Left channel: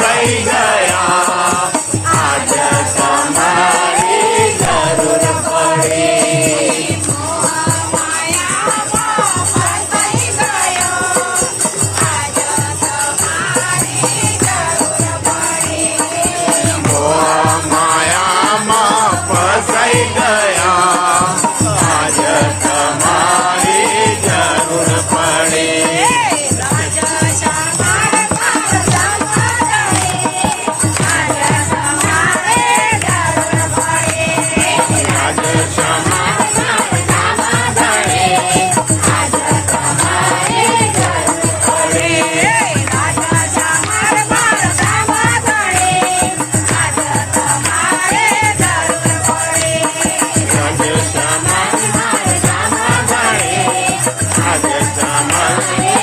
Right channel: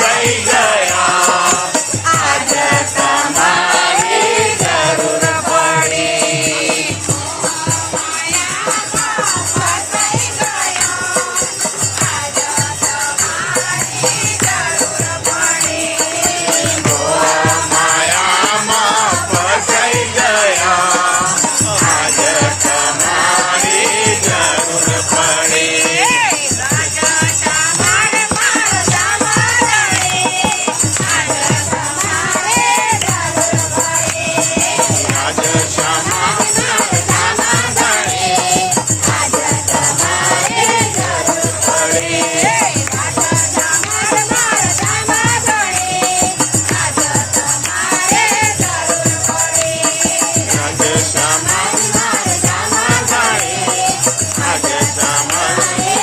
Saiga રાજ શ્યામા શ્યામા શ્યામા જરૂર